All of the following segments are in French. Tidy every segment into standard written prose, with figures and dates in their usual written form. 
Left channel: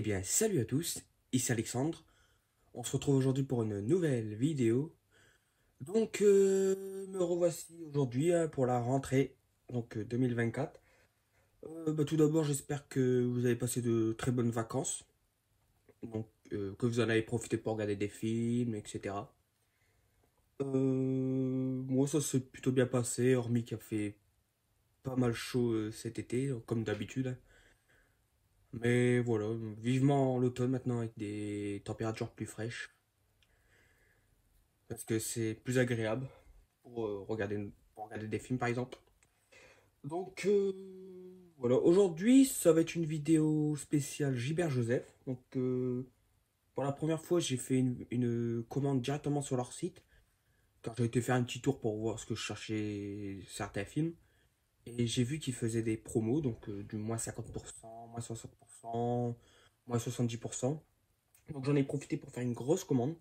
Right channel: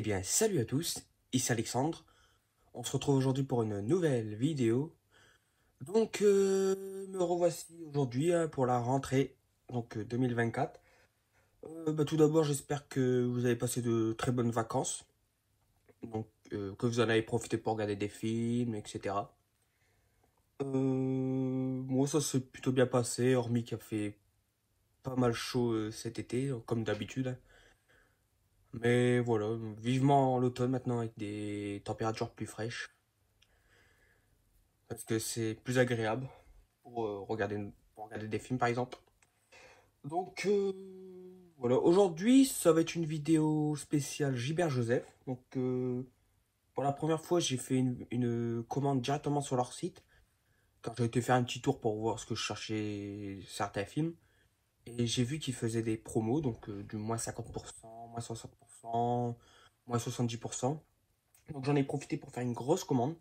Eh bien, salut à tous, ici Alexandre. On se retrouve aujourd'hui pour une nouvelle vidéo. Donc, me revoici aujourd'hui pour la rentrée, donc 2024. Tout d'abord, j'espère que vous avez passé de très bonnes vacances. Donc, que vous en avez profité pour regarder des films, etc. Moi, ça s'est plutôt bien passé, hormis qu'il a fait pas mal chaud cet été, comme d'habitude, hein. Mais voilà, vivement l'automne maintenant avec des températures plus fraîches. Parce que c'est plus agréable pour regarder des films par exemple. Donc voilà, aujourd'hui ça va être une vidéo spéciale Gilbert Joseph. Donc pour la première fois j'ai fait une commande directement sur leur site. Quand j'ai été faire un petit tour pour voir ce que je cherchais certains films. Et j'ai vu qu'ils faisaient des promos, donc du moins 50%, moins 60%, moins 70%. Donc j'en ai profité pour faire une grosse commande.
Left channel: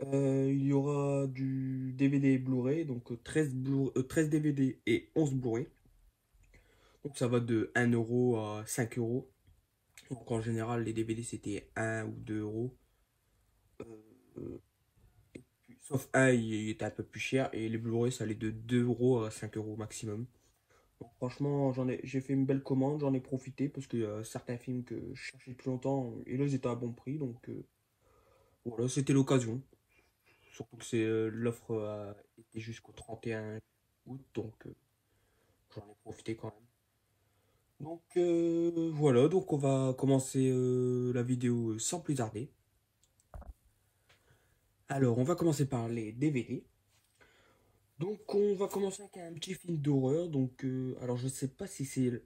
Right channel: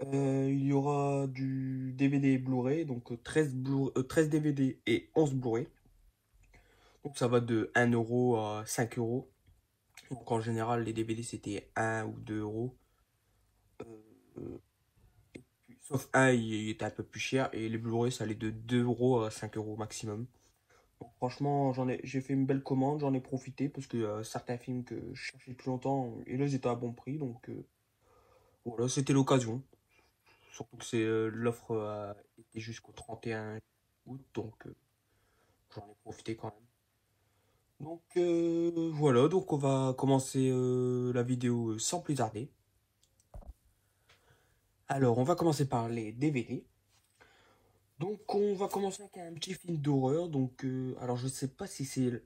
Il y aura du DVD et Blu-ray, donc 13 DVD et 11 Blu-ray. Donc ça va de 1 € à 5 euros. Donc en général, les DVD c'était 1 ou 2 euros. Euh, Sauf un, il était un peu plus cher. Et les Blu-ray, ça allait de 2 € à 5 euros maximum. Donc franchement, j'ai fait une belle commande, j'en ai profité parce que certains films que je cherchais depuis longtemps, et là ils étaient à bon prix. Donc voilà, c'était l'occasion. Surtout que l'offre était jusqu'au 31 août, donc j'en ai profité quand même. Donc voilà, donc on va commencer la vidéo sans plus tarder. Alors on va commencer par les DVD. Donc on va commencer avec un petit film d'horreur. Donc alors je sais pas si c'est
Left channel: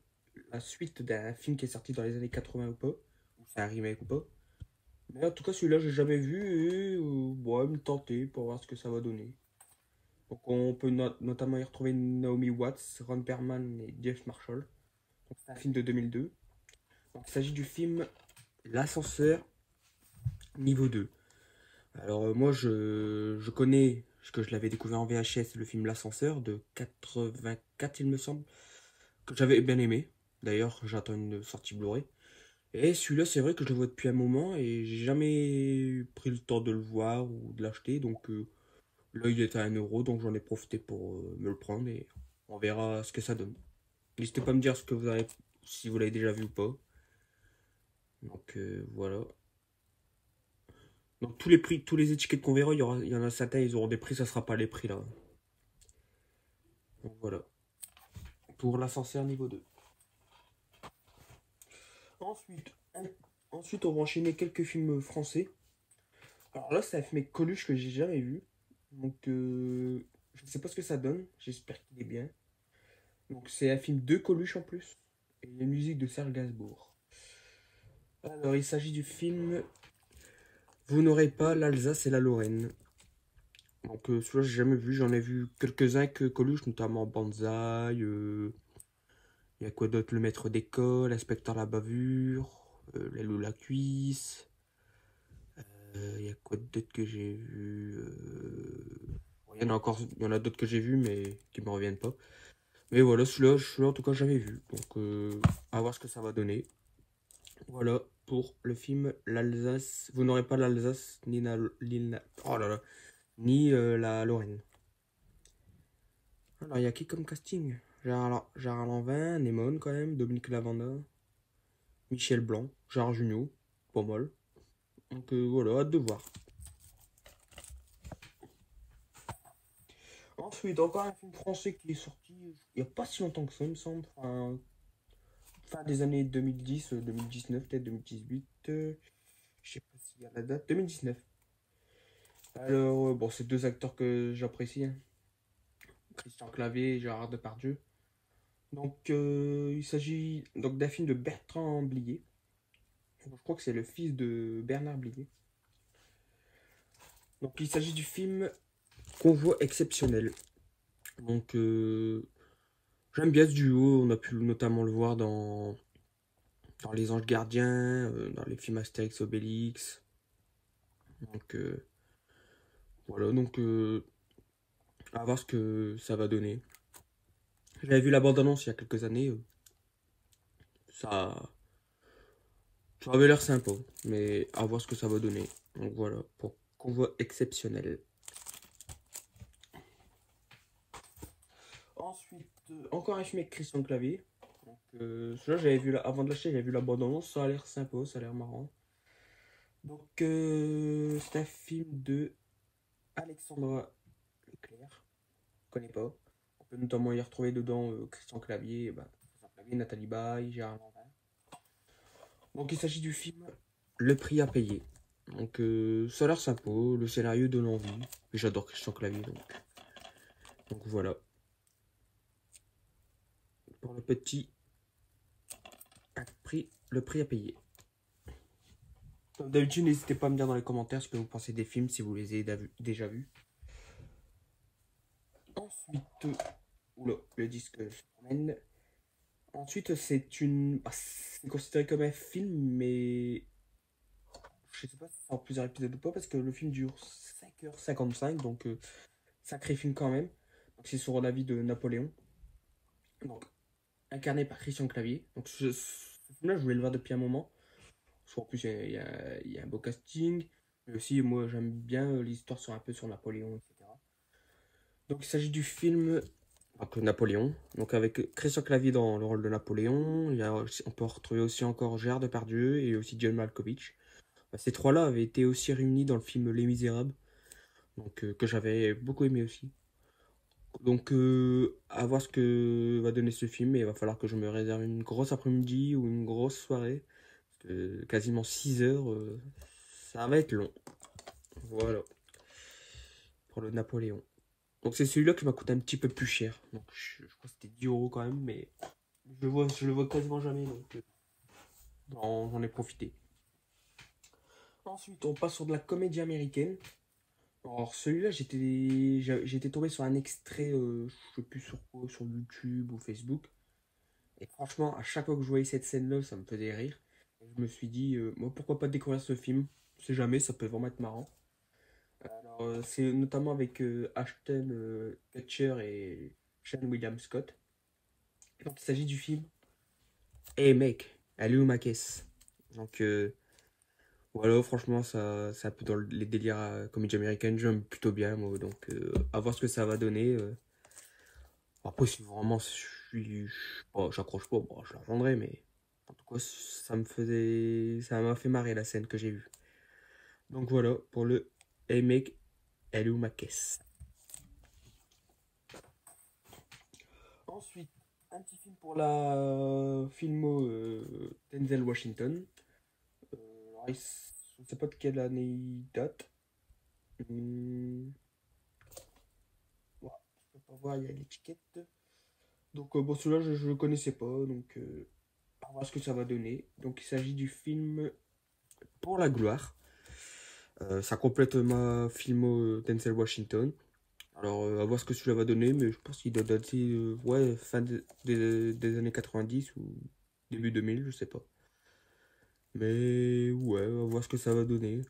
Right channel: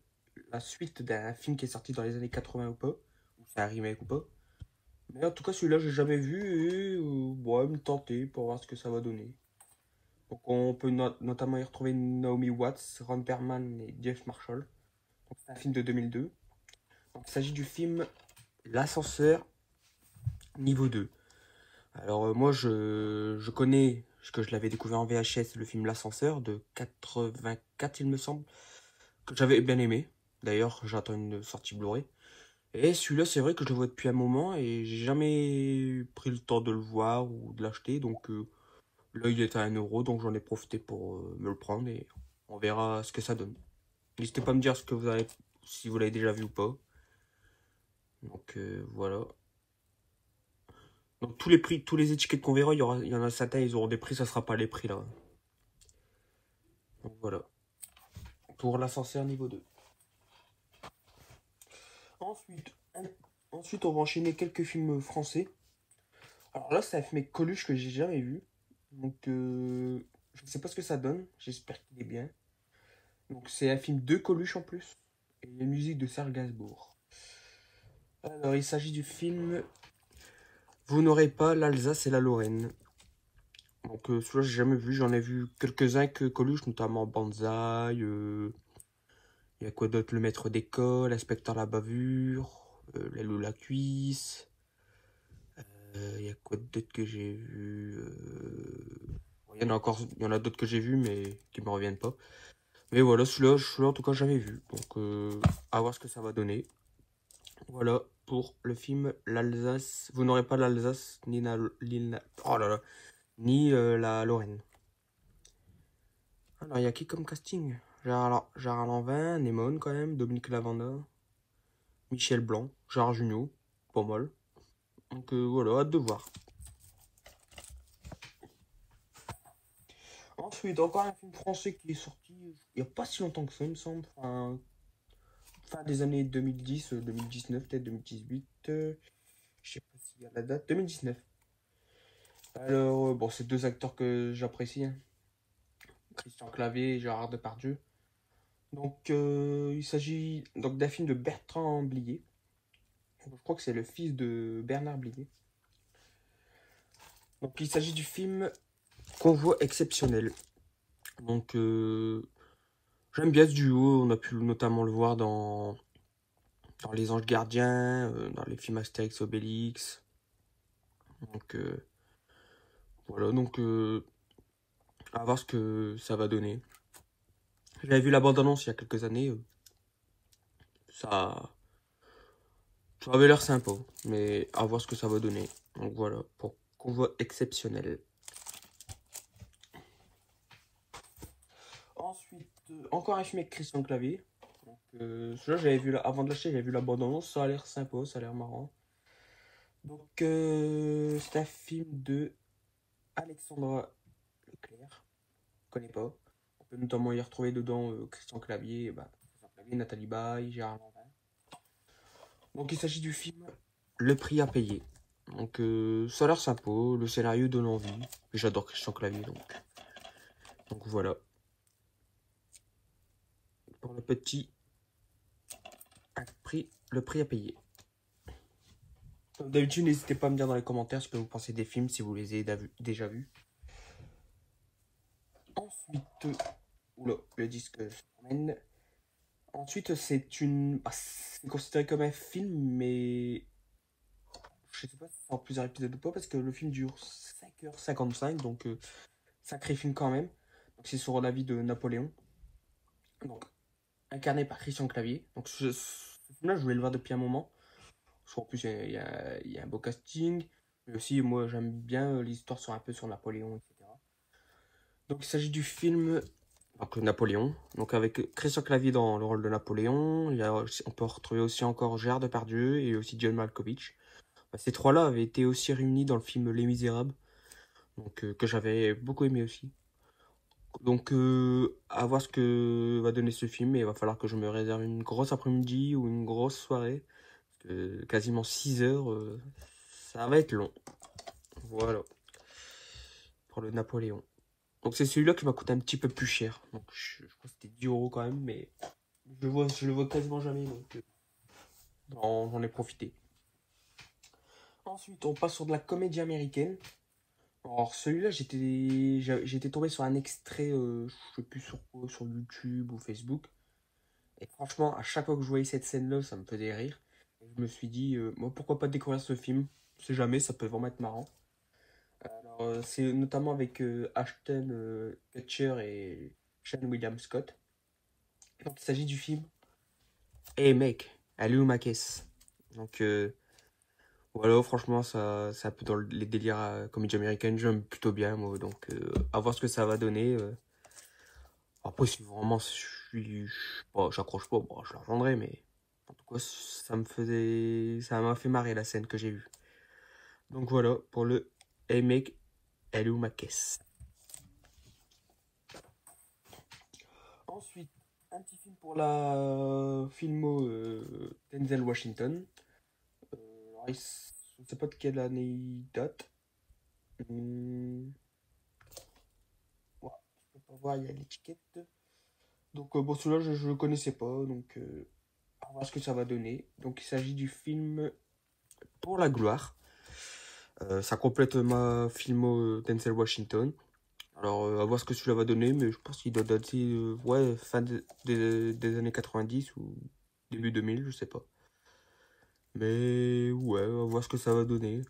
la suite d'un film qui est sorti dans les années 80 ou pas, ou c'est un remake ou pas. Mais en tout cas celui-là j'ai jamais vu et bon, il me tenter pour voir ce que ça va donner. Donc on peut notamment y retrouver Naomi Watts, Ron Perlman et Jeff Marshall. C'est un film de 2002. Donc, il s'agit du film L'ascenseur niveau 2. Alors moi je connais, parce que je l'avais découvert en VHS, le film L'ascenseur de 84 il me semble, que j'avais bien aimé. D'ailleurs j'attends une sortie Blu-ray. Et celui-là c'est vrai que je le vois depuis un moment et j'ai jamais pris le temps de le voir ou de l'acheter. Donc là il est à 1 € donc j'en ai profité pour me le prendre et on verra ce que ça donne. N'hésitez pas à me dire ce que vous avez, si vous l'avez déjà vu ou pas. Donc voilà. Donc tous les prix, tous les étiquettes qu'on verra, il y en a certains, ils auront des prix, ça sera pas les prix là. Donc voilà. Pour l'ascenseur niveau 2. Ensuite, ensuite, on va enchaîner quelques films français. Alors là, c'est un film avec Coluche que j'ai jamais vu. Donc je ne sais pas ce que ça donne. J'espère qu'il est bien. Donc c'est un film de Coluche en plus. Et les musiques de Serge Gainsbourg. Alors il s'agit du film Vous n'aurez pas l'Alsace et la Lorraine. Donc celui-là j'ai jamais vu, j'en ai vu quelques-uns avec Coluche, notamment Banzai, il y a quoi d'autre, Le Maître d'école, Inspecteur la bavure, L'aile ou la cuisse, il y a quoi d'autre que j'ai vu, il y en a encore, il y en a d'autres que j'ai vu mais qui me reviennent pas. Mais voilà, celui-là en tout cas jamais vu, donc à voir ce que ça va donner. Voilà pour le film L'Alsace, vous n'aurez pas l'Alsace oh là là, ni la Lorraine. Alors, il y a qui comme casting? Gérard Lanvin, Neyman quand même, Dominique Lavanda, Michel Blanc, Gérard Jugnot, pas mal. Donc voilà, hâte de voir. Ensuite, encore un film français qui est sorti il n'y a pas si longtemps que ça, il me semble. Fin des années 2010, 2019, peut-être 2018. Je sais pas s'il y a la date. 2019. Alors, bon, c'est deux acteurs que j'apprécie, hein. Christian Clavier et Gérard Depardieu. Donc, il s'agit donc d'un film de Bertrand Blier. Je crois que c'est le fils de Bernard Blier. Donc, il s'agit du film Convoi exceptionnel. Donc, j'aime bien ce duo. On a pu notamment le voir dans Les Anges Gardiens, dans les films Astérix Obélix. Donc, voilà. Donc, à voir ce que ça va donner. J'avais vu la bande-annonce il y a quelques années. Ça, Ça avait l'air sympa, mais à voir ce que ça va donner. Donc voilà, pour Convoi exceptionnel. Ensuite, encore un film avec Christian Clavier. Donc, celui-là, j'avais vu, avant de l'acheter, j'avais vu la bande-annonce. Ça a l'air sympa, ça a l'air marrant. Donc, c'est un film de Alexandra Leclerc. Je connais pas. On peut notamment y retrouver dedans Christian Clavier, Nathalie Baye, Gérard Lanvin. Donc, il s'agit du film Le Prix à payer. Donc, ça a l'air sympa. Le scénario donne envie. J'adore Christian Clavier, donc voilà. Pour le petit prix, le prix à payer. Comme d'habitude, n'hésitez pas à me dire dans les commentaires ce que vous pensez des films, si vous les avez déjà vus. Ensuite, oula, le disque se promène. Ensuite, c'est considéré comme un film, mais je sais pas si c'est en plusieurs épisodes ou pas, parce que le film dure 5h55, donc sacré film quand même. Donc c'est sur la vie de Napoléon. Donc, incarné par Christian Clavier. Donc ce film-là, je voulais le voir depuis un moment. En plus, il y a un beau casting. Mais aussi, moi, j'aime bien l'histoire un peu sur Napoléon, etc. Donc, il s'agit du film donc, Napoléon. Donc, avec Christian Clavier dans le rôle de Napoléon. On peut retrouver aussi encore Gérard Depardieu et aussi John Malkovich. Ces trois-là avaient été aussi réunis dans le film Les Misérables. Donc, que j'avais beaucoup aimé aussi. Donc, à voir ce que va donner ce film. Et il va falloir que je me réserve une grosse après-midi ou une grosse soirée. Quasiment 6 heures, ça va être long. Voilà. Pour le Napoléon. Donc c'est celui-là qui m'a coûté un petit peu plus cher. Donc je crois que c'était 10 € quand même, mais je le vois quasiment jamais, donc j'en ai profité. Ensuite, on passe sur de la comédie américaine. Alors celui-là, j'étais tombé sur un extrait, je sais plus sur quoi, sur YouTube ou Facebook. Et franchement, à chaque fois que je voyais cette scène-là, ça me faisait rire. Et je me suis dit, moi, pourquoi pas découvrir ce film? On sait jamais, ça peut vraiment être marrant. Alors, c'est notamment avec Ashton Kutcher et Sean William Scott. Donc, il s'agit du film Hey mec, elle est où ma caisse? Donc, voilà, franchement, c'est un peu dans les délires comédie américaine. J'aime plutôt bien, moi. Donc, à voir ce que ça va donner. Après, si vraiment j'accroche pas, bon, je la rejoindrai, mais en tout cas, ça m'a fait marrer la scène que j'ai vue. Donc voilà, pour le Hey mec, elle est où ma caisse? Ensuite, un petit film pour la filmo Denzel Washington. Je ne sais pas de quelle année il date. Ouais, je peux pas voir, il y a l'étiquette. Donc bon, celui-là, je ne le connaissais pas, donc on va voir ce que ça va donner. Donc il s'agit du film Pour la gloire. Ça complète ma filmo Denzel Washington. Alors, à voir ce que celui-là va donner, mais je pense qu'il doit dater ouais, fin des années 90 ou début 2000, je sais pas. Mais ouais, à voir ce que ça va donner.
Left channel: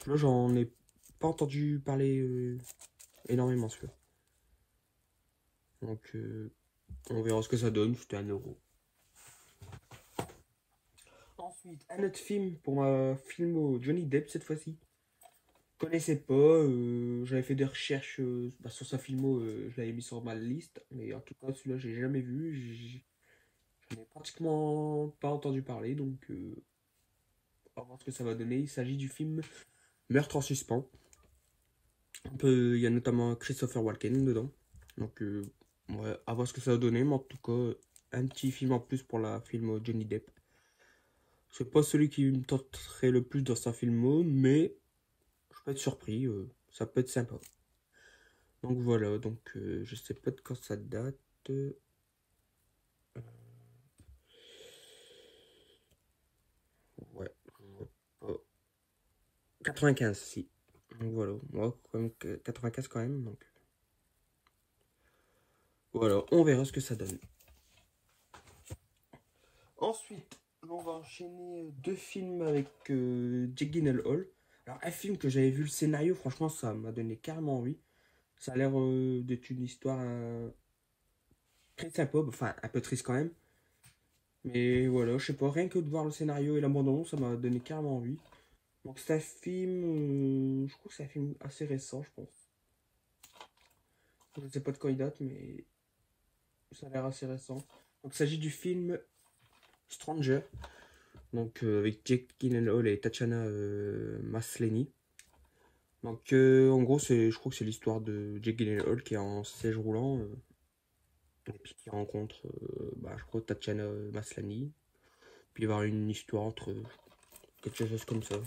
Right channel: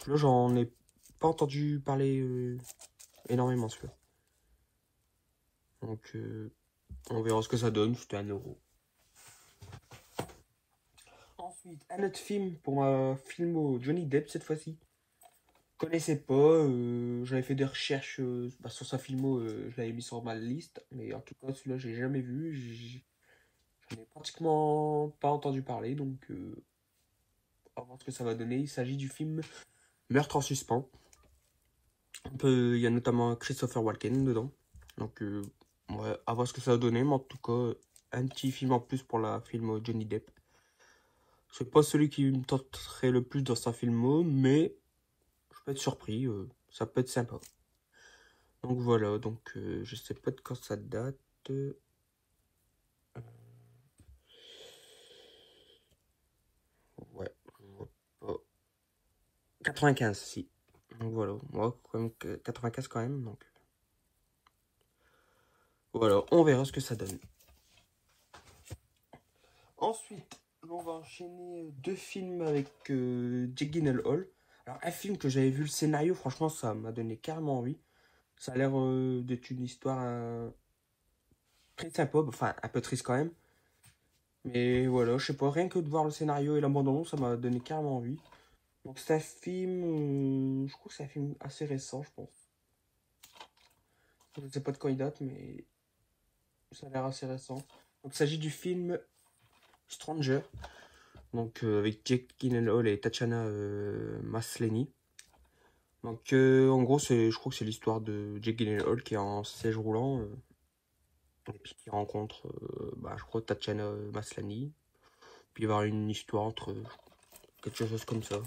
Celui-là, j'en ai pas entendu parler énormément, celui-là. Donc, on verra ce que ça donne, c'était 1 €. Ensuite, un autre film pour ma filmo Johnny Depp cette fois-ci. Je connaissais pas, j'avais fait des recherches sur sa filmo, je l'avais mis sur ma liste, mais en tout cas celui-là j'ai jamais vu, j'en ai pratiquement pas entendu parler, donc on va voir ce que ça va donner. Il s'agit du film Meurtre en suspens. Il y a notamment Christopher Walken dedans, donc ouais, à voir ce que ça va donner, mais en tout cas un petit film en plus pour la filmo Johnny Depp. C'est pas celui qui me tenterait le plus dans sa filmo, mais je peux être surpris, ça peut être sympa. Donc voilà, donc je sais pas de quand ça date. Ouais, 95, si. Donc voilà, moi, quand même, 95 quand même, donc. Voilà, on verra ce que ça donne. Ensuite, on va enchaîner 2 films avec Jake Gyllenhaal. Alors, un film que j'avais vu le scénario, franchement, ça m'a donné carrément envie. Ça a l'air d'être une histoire très sympa, enfin un peu triste quand même. Mais voilà, je sais pas, rien que de voir le scénario et l'abandon, ça m'a donné carrément envie. Donc c'est un film, je crois que c'est un film assez récent, je pense. Je ne sais pas de quand il date, mais ça a l'air assez récent. Donc il s'agit du film Stranger, donc avec Jake Gyllenhaal et Tatiana Maslany. Donc en gros, je crois que c'est l'histoire de Jake Gyllenhaal qui est en siège roulant et puis qui rencontre, je crois, Tatiana Maslany. Puis il va y avoir une histoire entre quelque chose comme ça.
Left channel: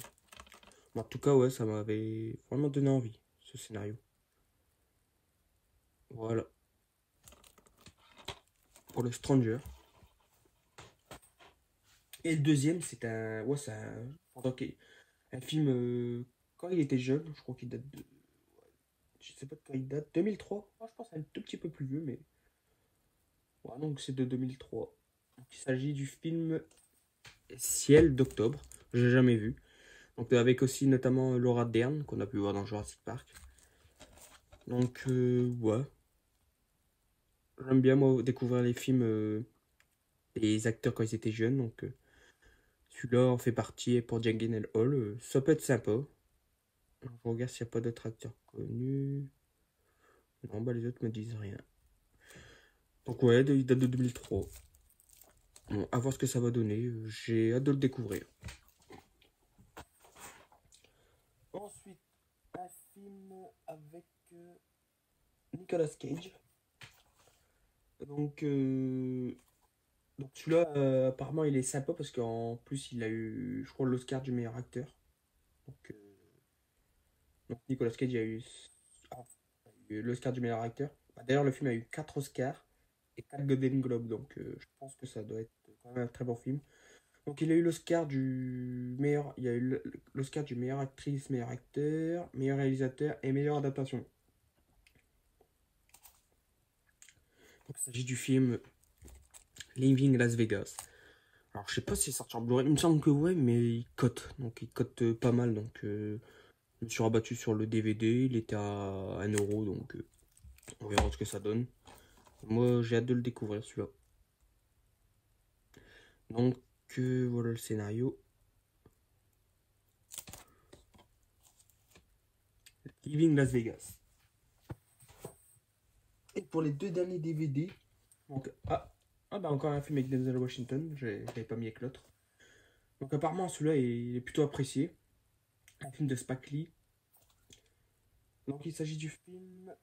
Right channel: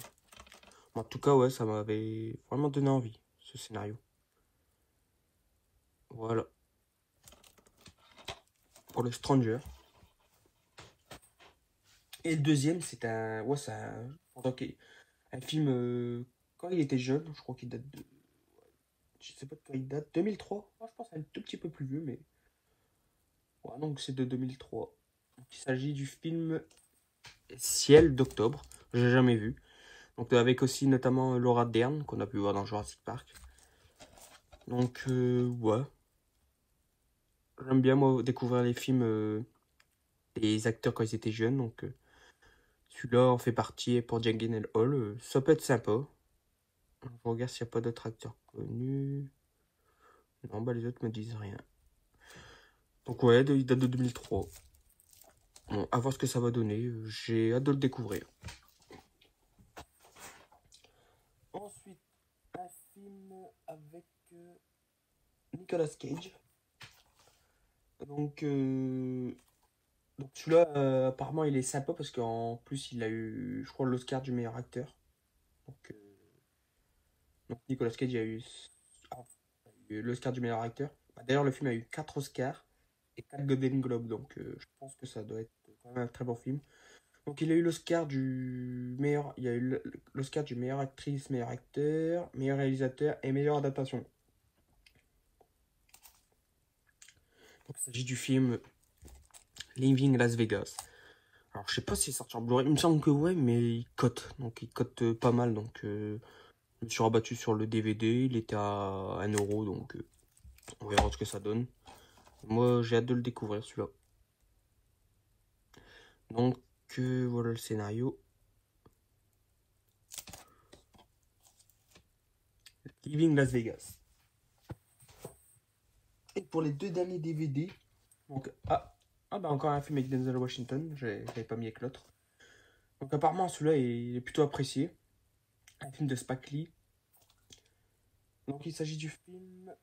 En tout cas, ouais, ça m'avait vraiment donné envie, ce scénario. Voilà, pour le Stranger. Et le deuxième, c'est un, ouais, c'est un film quand il était jeune. Je crois qu'il date de, je sais pas de quand il date. 2003. Moi, je pense un tout petit peu plus vieux, mais ouais, donc c'est de 2003. Donc, il s'agit du film Ciel d'octobre. J'ai jamais vu. Donc avec aussi notamment Laura Dern qu'on a pu voir dans Jurassic Park. Donc ouais, j'aime bien moi découvrir les films des acteurs quand ils étaient jeunes. Donc celui-là en fait partie et pour Jake Gyllenhaal. Ça peut être sympa. Je regarde s'il n'y a pas d'autres acteurs connus. Non, bah les autres me disent rien. Donc ouais, il date de 2003. Bon, à voir ce que ça va donner. J'ai hâte de le découvrir. Ensuite, un film avec Nicolas Cage. Donc, donc celui-là, apparemment, il est sympa parce qu'en plus, il a eu, je crois, l'Oscar du meilleur acteur. Donc, donc Nicolas Cage a eu l'Oscar du meilleur acteur. Bah, d'ailleurs, le film a eu 4 Oscars et 4 Golden Globes. Donc, je pense que ça doit être quand même un très bon film. Donc, il a eu l'Oscar du meilleur, il y a eu l'Oscar du meilleur actrice, meilleur acteur, meilleur réalisateur et meilleure adaptation. Donc, il s'agit du film Living Las Vegas. Alors, je sais pas s'il est sorti en Blu-ray. Il me semble que ouais, mais il cote. Donc, il cote pas mal. Donc, je me suis rabattu sur le DVD. Il était à 1€. Donc, on verra ce que ça donne. Moi, j'ai hâte de le découvrir, celui-là. Donc, voilà le scénario. Living Las Vegas. Et pour les deux derniers DVD, donc, bah encore un film avec Denzel Washington. J'avais pas mis avec l'autre. Donc, apparemment, celui-là, il est plutôt apprécié. Un film de Spike Lee. Donc, il s'agit du film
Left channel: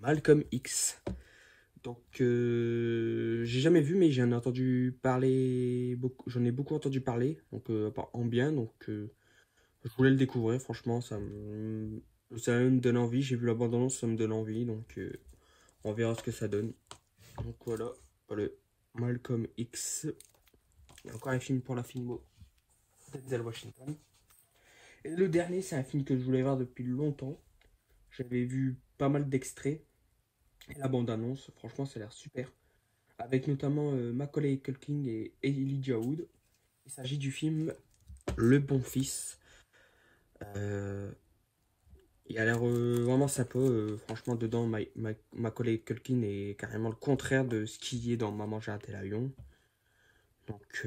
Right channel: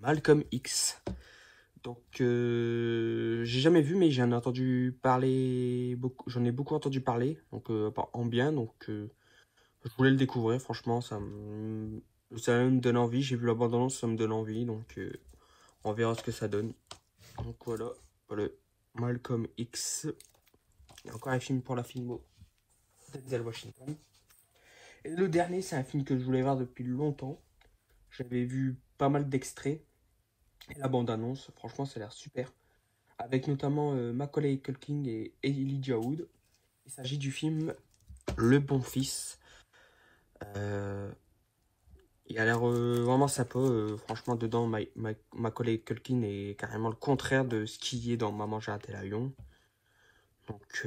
Malcolm X. Donc, j'ai jamais vu, mais j'en ai entendu parler beaucoup. J'en ai beaucoup entendu parler, donc en bien. Donc, je voulais le découvrir. Franchement, ça me donne envie. J'ai vu l'abondance, ça me donne envie. Donc, on verra ce que ça donne. Donc voilà, le Malcolm X. Il y a encore un film pour la filmo Denzel Washington. Et le dernier, c'est un film que je voulais voir depuis longtemps. J'avais vu pas mal d'extraits. Et la bande-annonce, franchement, ça a l'air super. Avec notamment Macaulay Culkin et Elijah Wood. Il s'agit du film Le Bon Fils. Il a l'air vraiment sympa. Franchement, dedans, Macaulay Culkin est carrément le contraire de ce qui est dans Maman j'ai raté l'avion. Donc,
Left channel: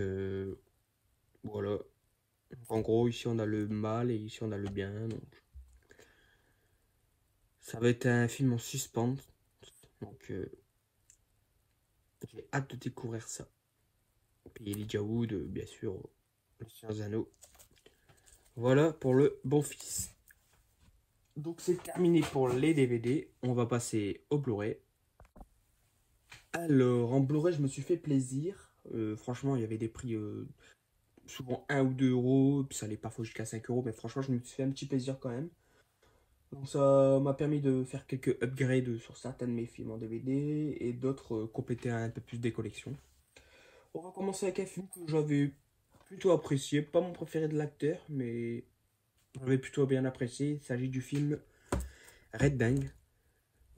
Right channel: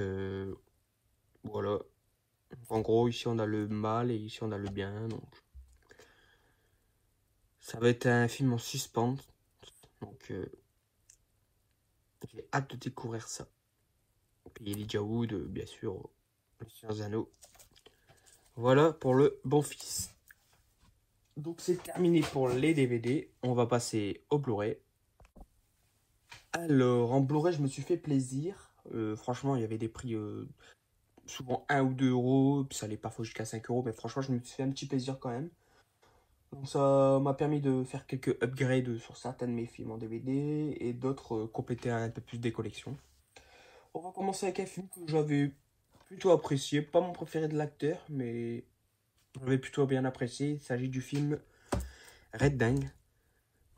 voilà. En gros, ici, on a le mal et ici, on a le bien. Donc, ça va être un film en suspense. Donc, j'ai hâte de découvrir ça. Et puis, Elijah Wood, bien sûr, le Seigneur des Anneaux. Voilà pour le Bon Fils. Donc c'est terminé pour les DVD. On va passer au Blu-ray. Alors en Blu-ray, je me suis fait plaisir. Franchement, il y avait des prix souvent 1 ou 2€. Puis ça allait parfois jusqu'à 5€. Mais franchement, je me suis fait un petit plaisir quand même. Donc ça m'a permis de faire quelques upgrades sur certains de mes films en DVD. Et d'autres compléter un peu plus des collections. On va commencer avec un film que j'avais plutôt apprécié. Pas mon préféré de l'acteur, mais j'avais plutôt bien apprécié. Il s'agit du film Red Bang.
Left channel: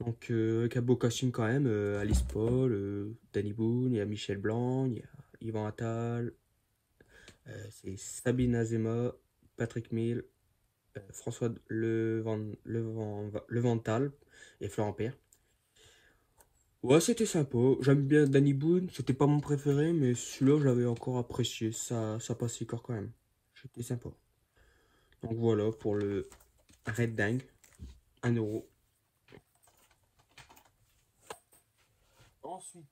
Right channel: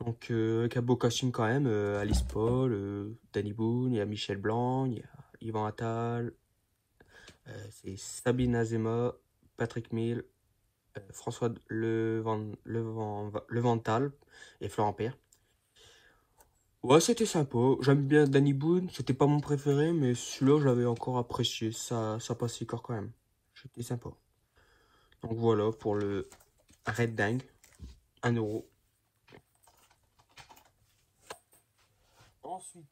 Donc avec un beau casting quand même, Alice Paul, Danny Boone, il y a Michel Blanc, il y a Yvan Attal, c'est Sabine Azema, Patrick Mille, François Levental et Florent Père. Ouais, c'était sympa. J'aime bien Danny Boone. C'était pas mon préféré, mais celui-là, je l'avais encore apprécié. Ça passait encore quand même. C'était sympa. Donc voilà pour le Red Dingue. 1 euro. Ensuite,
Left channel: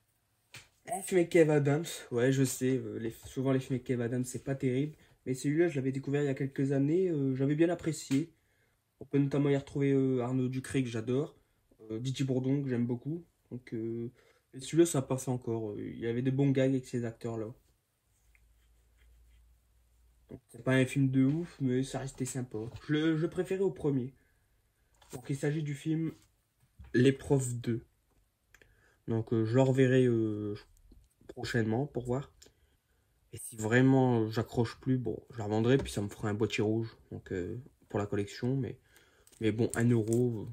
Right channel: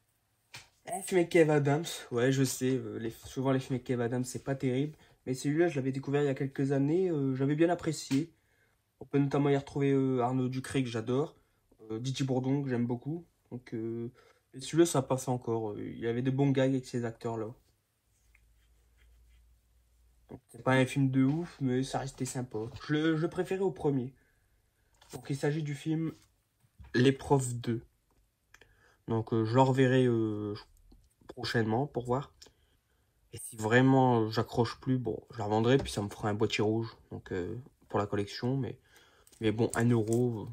un film avec Kev Adams. Ouais, je sais. Souvent, les films avec Kev Adams, c'est pas terrible. Mais celui-là, je l'avais découvert il y a quelques années. J'avais bien apprécié. On peut notamment y retrouver Arnaud Ducré, que j'adore. Didier Bourdon, que j'aime beaucoup. Donc, et celui-là, ça passe encore. Il y avait de bons gars avec ces acteurs-là. C'est pas un film de ouf, mais ça restait sympa. Je préférais au premier. Donc, il s'agit du film L'épreuve 2. Donc, je le reverrai prochainement pour voir. Et si vraiment j'accroche plus, bon, je la revendrai, puis ça me fera un boîtier rouge. Donc, pour la collection. Mais bon, 1 euro,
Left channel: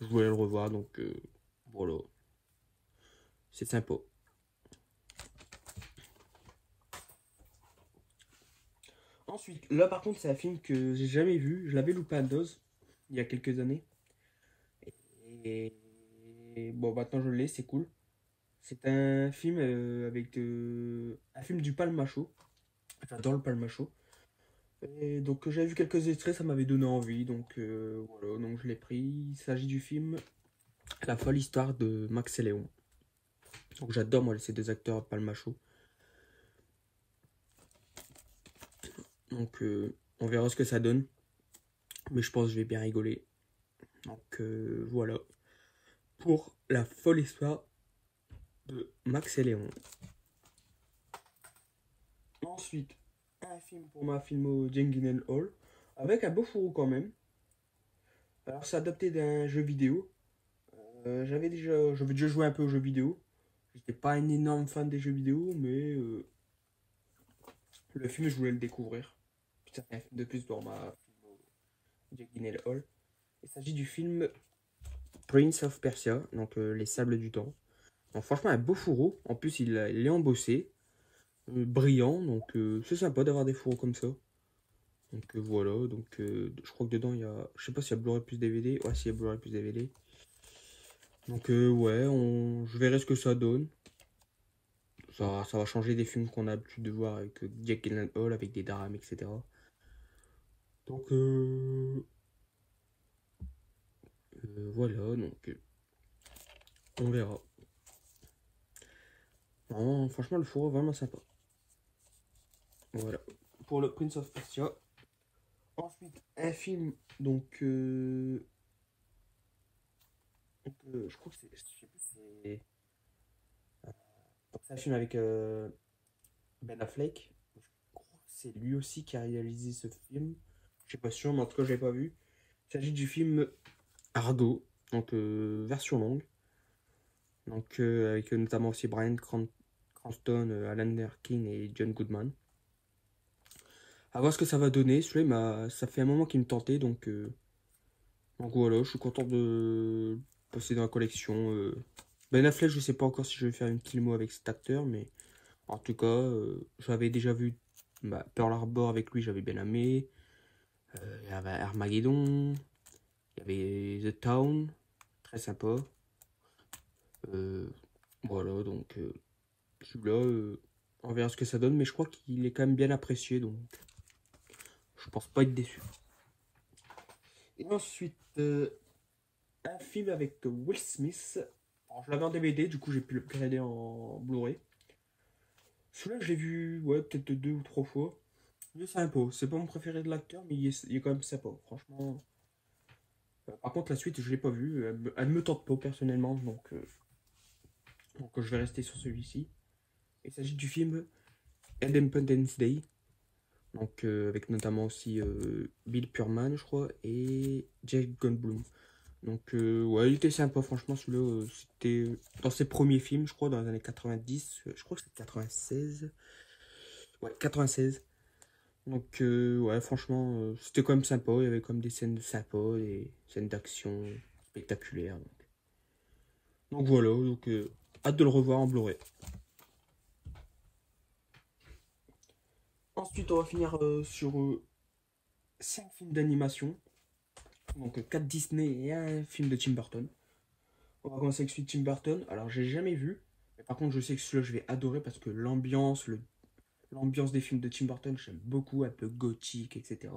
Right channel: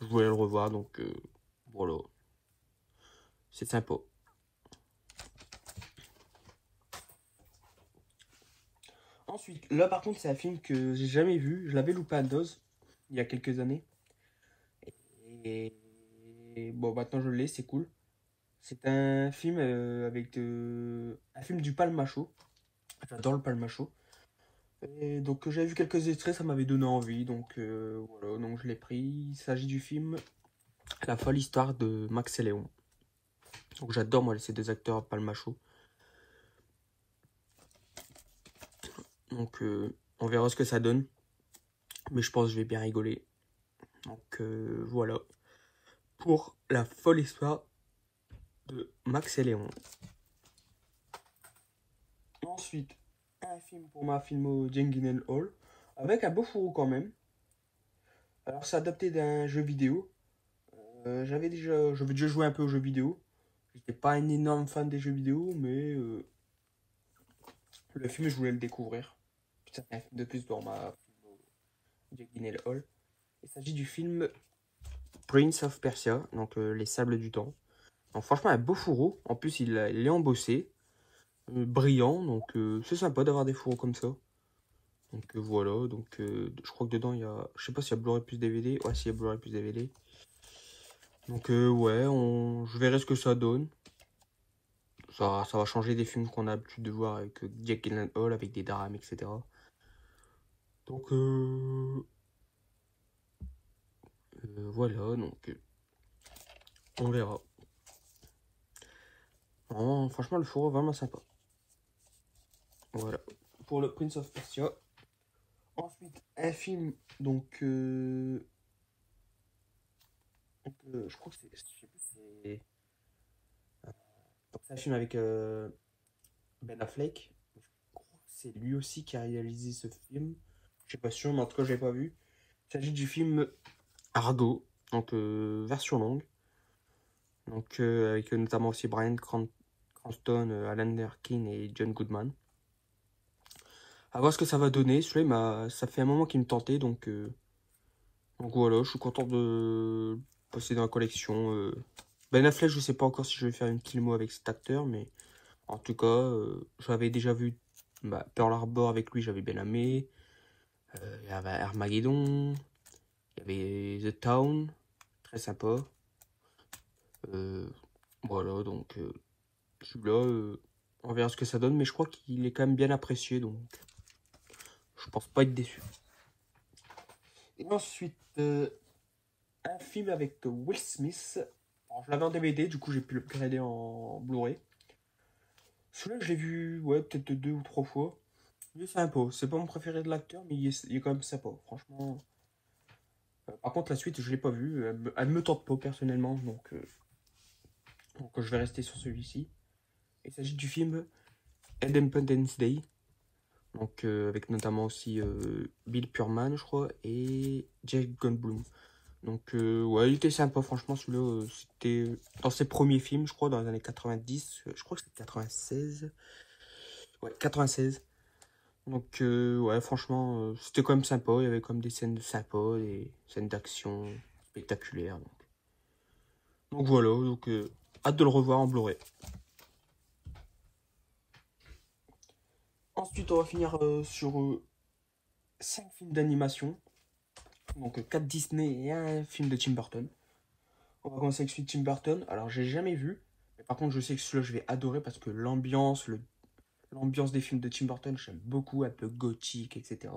je voulais le revoir. Donc, voilà. C'est sympa. Ensuite, là par contre, c'est un film que j'ai jamais vu. Je l'avais loupé à dose il y a quelques années. Et bon, maintenant je l'ai, c'est cool. C'est un film un film du Palmacho. J'adore le Palmacho. Et donc j'avais vu quelques extraits, ça m'avait donné envie. Donc voilà, donc je l'ai pris. Il s'agit du film La folle histoire de Max et Léon. Donc j'adore moi ces deux acteurs Palmacho. Donc on verra ce que ça donne. Mais je pense que je vais bien rigoler. Donc voilà. Pour la folle histoire de Max et Léon. Ensuite, un film pour ma filmo Jengen Hall, avec un beau fourreau quand même. Alors c'est adapté d'un jeu vidéo. J'avais déjà joué un peu aux jeux vidéo. J'étais pas un énorme fan des jeux vidéo, mais le film je voulais le découvrir. Ça fait un film de plus dans ma Jengen Hall. Il s'agit du film Prince of Persia, donc Les Sables du Temps. Donc franchement un beau fourreau. En plus il est embossé. Brillant, donc c'est sympa d'avoir des fourreaux comme ça. Donc voilà, donc je crois que dedans il y a, je sais pas s'il y a Blu-ray plus DVD, ouais s'il y a Blu-ray plus DVD. Donc ouais, je verrai ce que ça donne. Ça va changer des films qu'on a l'habitude de voir avec Jack Gyllenhaal, avec des drames, etc. Donc voilà, donc on verra. Oh, franchement le fourreau est vraiment sympa. Voilà, pour le Prince of Persia. Ensuite, un film, donc je crois que c'est, je sais plus, c'est un film avec Ben Affleck. Je crois que c'est lui aussi qui a réalisé ce film. Je suis pas sûr, mais en tout cas, je l'ai pas vu. Il s'agit du film Argo, donc version longue. Donc avec notamment aussi Bryan Cranston, Alan Arkin et John Goodman. À voir ce que ça va donner. Celui-là, ça fait un moment qu'il me tentait, donc voilà, je suis content de passer dans la collection. Ben Affleck, je sais pas encore si je vais faire une kilmo avec cet acteur, mais en tout cas, j'avais déjà vu Pearl Harbor avec lui, j'avais bien aimé. Il y avait Armageddon, il y avait The Town, très sympa. Voilà, donc celui-là, on verra ce que ça donne, mais je crois qu'il est quand même bien apprécié, donc je pense pas être déçu. Et ensuite, un film avec Will Smith. Alors, je l'avais en DVD, du coup j'ai pu le regarder en Blu-ray. Celui-là, je l'ai vu, ouais, peut-être 2 ou 3 fois. Il est sympa. C'est pas mon préféré de l'acteur, mais il est quand même sympa, franchement. Par contre, la suite, je l'ai pas vue. Elle me tente pas personnellement, donc je vais rester sur celui-ci. Il s'agit du film Independence Day. Donc, avec notamment aussi Bill Pullman, je crois, et Jeff Goldblum. Donc, ouais, il était sympa, franchement. Celui-là, c'était dans ses premiers films, je crois, dans les années 90. Je crois que c'était 96. Ouais, 96. Donc, ouais, franchement, c'était quand même sympa. Il y avait comme des scènes sympas, des scènes d'action spectaculaires. Donc voilà, donc hâte de le revoir en Blu-ray. Ensuite, on va finir sur 5 films d'animation. Donc 4 Disney et un film de Tim Burton. On va commencer avec celui de Tim Burton. Alors, j'ai jamais vu. Mais par contre, je sais que celui-là, je vais adorer parce que l'ambiance des films de Tim Burton, j'aime beaucoup, un peu gothique, etc.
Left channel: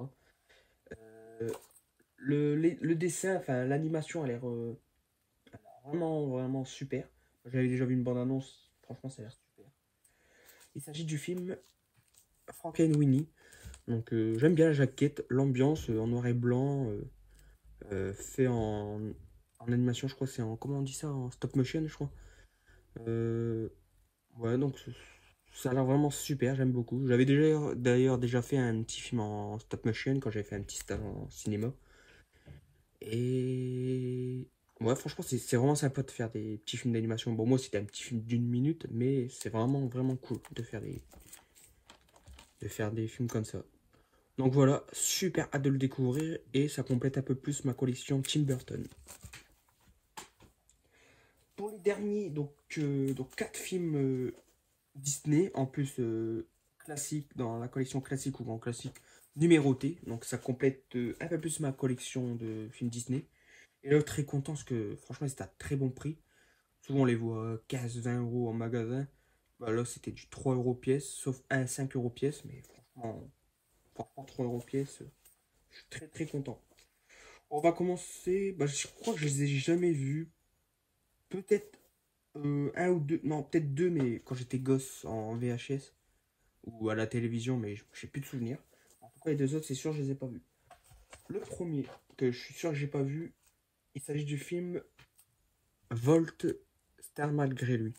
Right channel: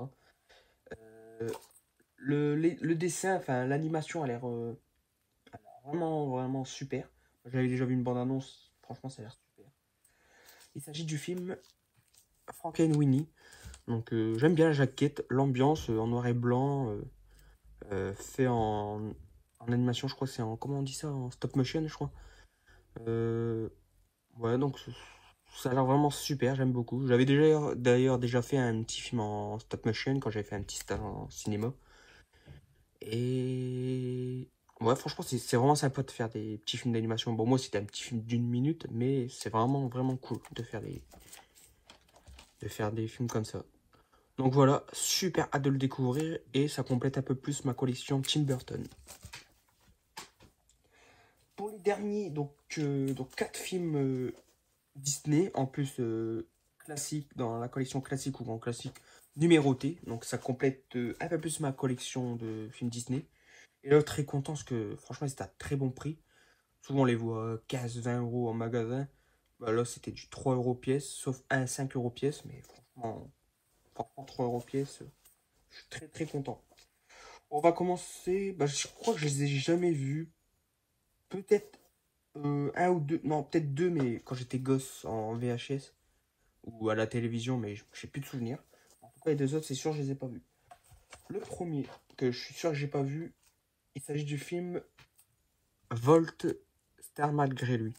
Euh, le dessin, enfin, l'animation a l'air vraiment, vraiment super. J'avais déjà vu une bande-annonce. Franchement, ça a l'air super. Il s'agit du film Frankenweenie. Donc, j'aime bien la jaquette, l'ambiance en noir et blanc, fait en animation, je crois, c'est en, comment on dit ça, en stop motion, je crois. Euh, ouais, donc ça a l'air vraiment super, j'aime beaucoup. J'avais d'ailleurs déjà fait un petit film en stop motion quand j'avais fait un petit stage en cinéma. Et ouais, franchement, c'est vraiment sympa de faire des petits films d'animation. Bon, moi, c'était un petit film d'une minute, mais c'est vraiment, vraiment cool de faire des films comme ça. Donc voilà, super hâte de le découvrir et ça complète un peu plus ma collection Tim Burton. Pour les derniers, donc 4 films Disney, en plus classique dans la collection classique ou grand classique numéroté. Donc ça complète un peu plus ma collection de films Disney. Et là, très content parce que franchement, c'était à très bon prix. Souvent, on les voit 15-20 € en magasin. Bah, là, c'était du 3 € pièce, sauf un 5 € pièce. Mais franchement 3 € pièce, je suis très très content. On va commencer. Bah, je crois que je les ai jamais vus. Peut-être un ou deux. Non, peut-être deux, mais quand j'étais gosse en VHS ou à la télévision, mais j'ai plus de souvenirs. En tout cas, les deux autres, c'est sûr, je les ai pas vus. Le premier, que je suis sûr que j'ai pas vu, il s'agit du film Volt Star malgré lui.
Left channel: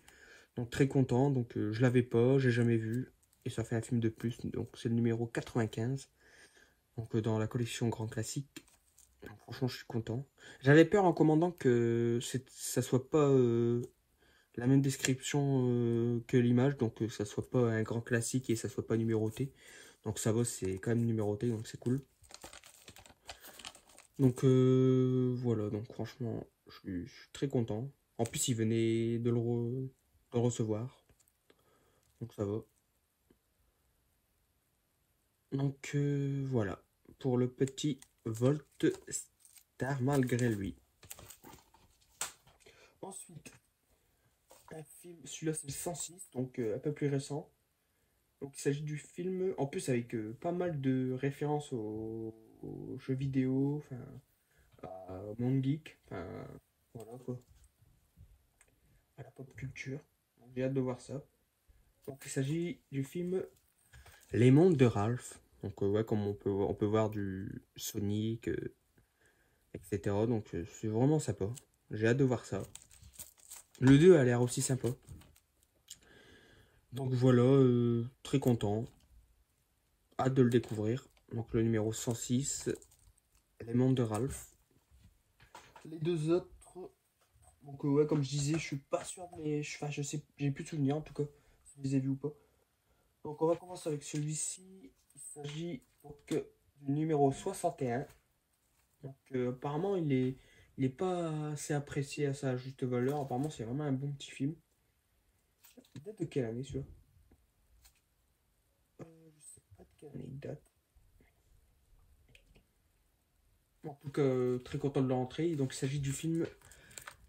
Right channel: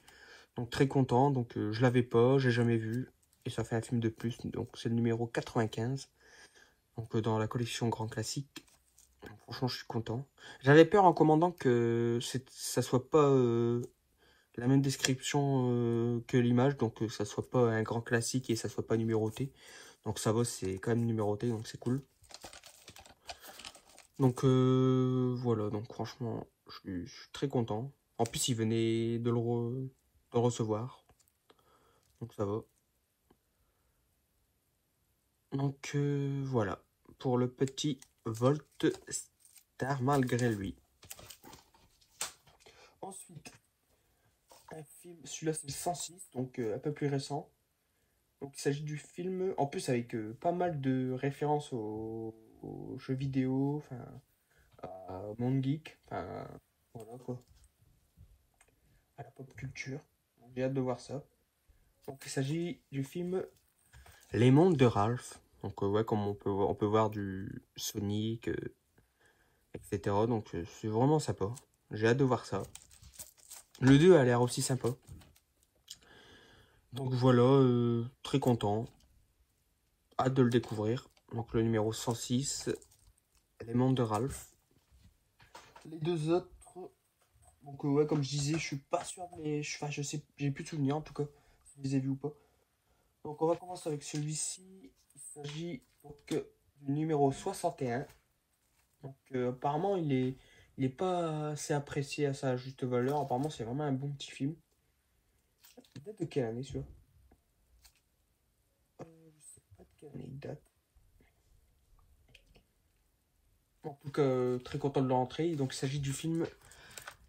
Donc très content, donc je l'avais pas, j'ai jamais vu, et ça fait un film de plus, donc c'est le numéro 95, donc dans la collection Grand Classique. Donc, franchement, je suis content. J'avais peur en commandant que ça soit pas la même description que l'image, donc ça soit pas un grand classique et ça soit pas numéroté. Donc ça va, c'est quand même numéroté, donc c'est cool. Donc voilà, donc franchement, je suis très content. En plus, il venait de le recevoir, donc ça va. Donc voilà, pour le petit Volt Star malgré lui. Ensuite, un film, celui-là c'est le 106, donc un peu plus récent. Donc il s'agit du film, en plus avec pas mal de références aux jeux vidéo, enfin à Monde Geek, enfin voilà quoi, à la pop culture. J'ai hâte de voir ça. Donc il s'agit du film Les Mondes de Ralph. Donc ouais, comme on peut voir du Sonic, etc. Donc c'est vraiment sympa. J'ai hâte de voir ça. Le 2 a l'air aussi sympa. Donc voilà, très content. Hâte de le découvrir. Donc le numéro 106, Les Mondes de Ralph. Les deux autres, donc ouais, comme je disais, je suis pas sûr, mais enfin, je sais, j'ai plus de souvenirs en tout cas, si je les ai vus ou pas. Donc on va commencer avec celui-ci. Il s'agit donc du numéro 61. Donc apparemment il est pas assez apprécié à sa juste valeur. Apparemment c'est vraiment un bon petit film. Il date de quelle année celui-là? Je sais pas de quelle année il date. En tout cas, très content de l'entrée. Donc il s'agit du film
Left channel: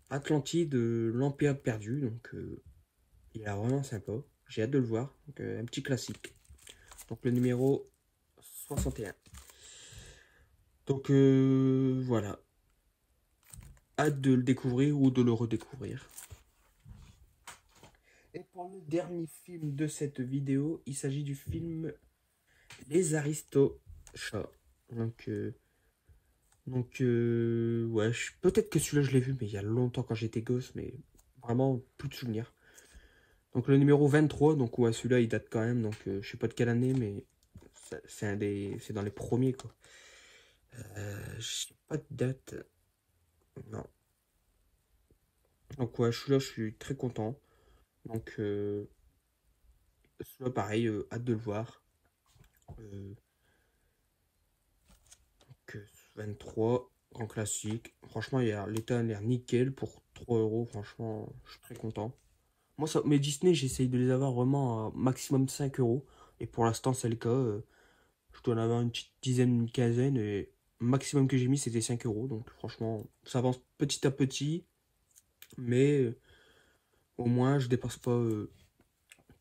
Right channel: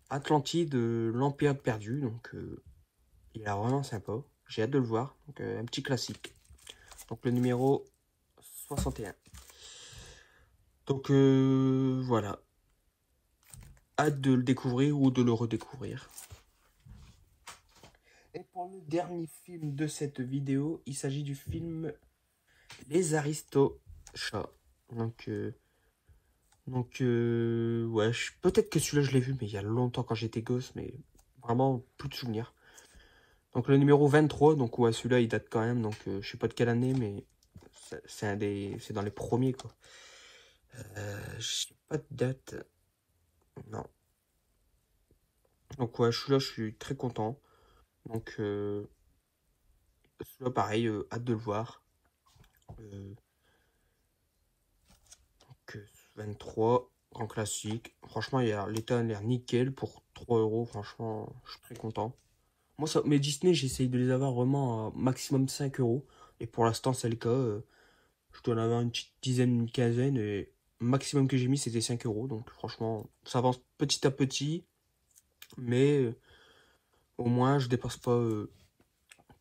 Atlantide, l'Empire perdu. Donc il est vraiment sympa. J'ai hâte de le voir. Donc un petit classique. Donc le numéro 61. Donc voilà. Hâte de le découvrir ou de le redécouvrir. Et pour le dernier film de cette vidéo, il s'agit du film Les Aristochats. Donc, ouais, peut-être que celui-là je l'ai vu, mais il y a longtemps quand j'étais gosse, mais vraiment plus de souvenirs. Donc le numéro 23, donc ouais, celui-là il date quand même, donc je sais pas de quelle année, mais c'est dans les premiers quoi. Je sais pas de date, non. Donc ouais, celui-là je suis très content. Donc celui-là pareil, hâte de le voir. Euh, donc 23, grand classique. Franchement, l'état a l'air nickel pour 3 euros. Franchement, je suis très content. Moi, mes Disney, j'essaye de les avoir vraiment à maximum 5 euros. Et pour l'instant, c'est le cas. Je dois en avoir une petite dizaine, une quinzaine. Et le maximum que j'ai mis, c'était 5 euros. Donc franchement, ça avance petit à petit. Mais au moins je dépense pas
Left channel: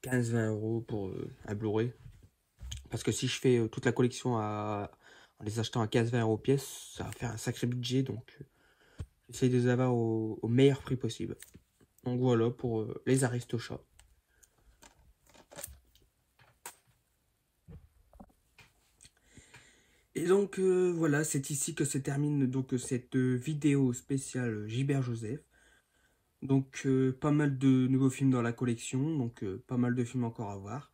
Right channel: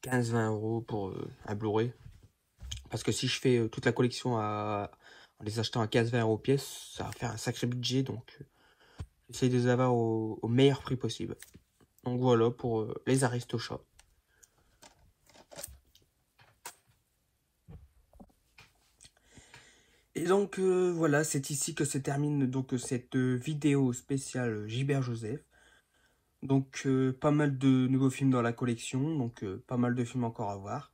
15-20 euros pour un Blu-ray. Parce que si je fais toute la collection en les achetant à 15-20 euros pièce, ça va faire un sacré budget. Donc j'essaie de les avoir au meilleur prix possible. Donc voilà pour les Aristochats. Et donc voilà, c'est ici que se termine donc cette vidéo spéciale Gilbert Joseph. Donc pas mal de nouveaux films dans la collection, donc pas mal de films encore à voir.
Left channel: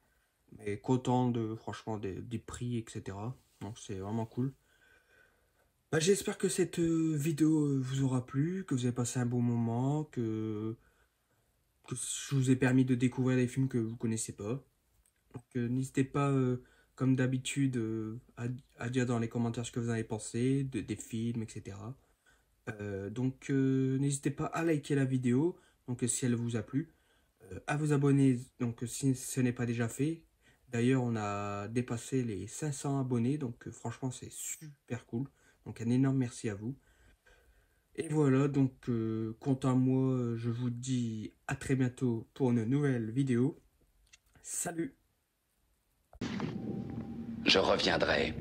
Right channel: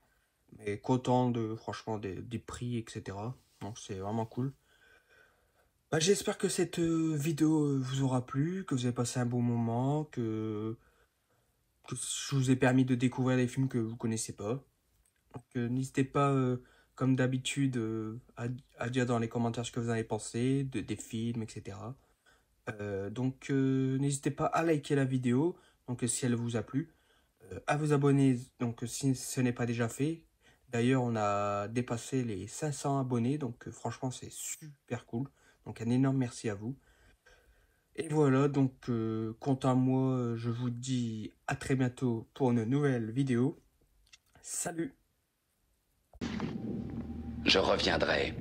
Mais content de franchement des prix, etc. Donc c'est vraiment cool. Bah, j'espère que cette vidéo vous aura plu, que vous avez passé un bon moment, que je vous ai permis de découvrir des films que vous connaissez pas. Donc n'hésitez pas, comme d'habitude, à dire dans les commentaires ce que vous en avez pensé, des films, etc. Donc n'hésitez pas à liker la vidéo, donc si elle vous a plu, à vous abonner, donc si ce n'est pas déjà fait. D'ailleurs, on a dépassé les 500 abonnés, donc franchement c'est super cool. Donc un énorme merci à vous. Et voilà, donc quant à moi, je vous dis à très bientôt pour une nouvelle vidéo. Salut! Je reviendrai.